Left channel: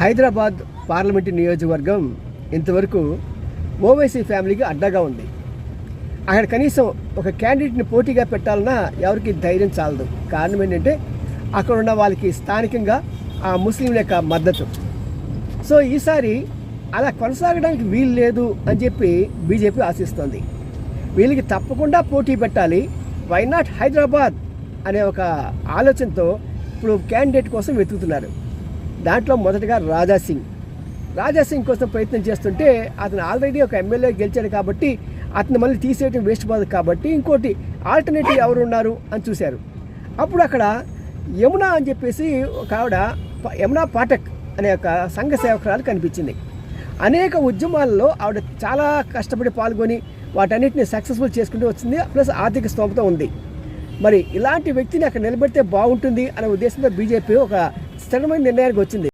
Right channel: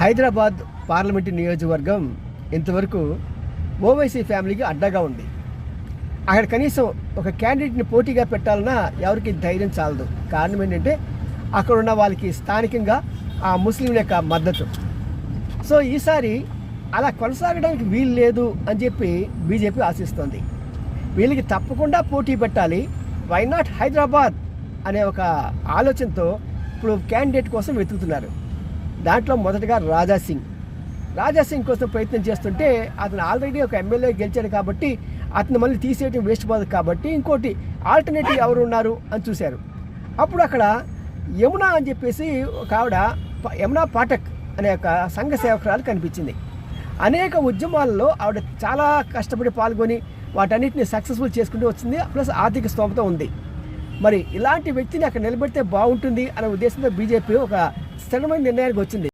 Hyderabad parliament నియోజకవర్గం ఇంతవరకు ఓవైసీ ఫ్యామిలీకి అడ్డాగా ఉంది. అక్కడ కనీసం ఒక క్యాండిడేట్ని పోటీగా పెట్టాలన్నా ఎవరికి ధైర్యం చాలదు. కారణం ఏంటంటే అక్కడ ఉన్న వాళ్ళకి స్థానికంగా ఆ ముస్లింల యొక్క మద్దతు. సో ఈసారి అలా కొనసాగడానికి వీలు లేదు అని చెప్పి బీజేపీ ఆశిస్తోంది. వీళ్ళకి తప్పకుండా పోటీ పెట్టాలి, వై నాట్ హైదరాబాద్ అనే ఒక ఆలోచనతో ఇప్పుడు క్యాండిడేట్ కోసం వెతుకుతున్నారు. దాంట్లో మొదటగా రాజాసింగ్ కోసం ప్రయత్నం చేస్తుంటే అతను ఆల్రెడీ ఒక ఎమ్మెల్యే గెలిచాడు కాబట్టి అతను మళ్ళీ తీసేయడం వేస్ట్ పోదు కాబట్టి ఇంకోటి ఆల్టర్నేటివ్ ఎవరు ఉన్నారు అని చూశారు. అప్పుడు అక్కడ యమునా అని చెప్పేసి ఒక ఆవిడ, యమునా పాఠక్ అనే ఒక సంఘ సేవకురాలు కనిపించింది. అనేక ఉద్యమాల్లో ఆవిడ చాలా కష్టపడి పాల్గొని వాటన్నిటిని సక్సెస్ఫుల్ చేసుకుంటూ వచ్చింది. ప్లస్ ఆర్థిక స్తోమత ఉంది. మరి ఇలాంటి వ్యక్తిని అక్కడ నిలబెడితే బాగుంటుంది అనే ఉద్దేశంతో బీజేపీ ఒక స్థిరమైన నిర్ణయానికి వచ్చింది.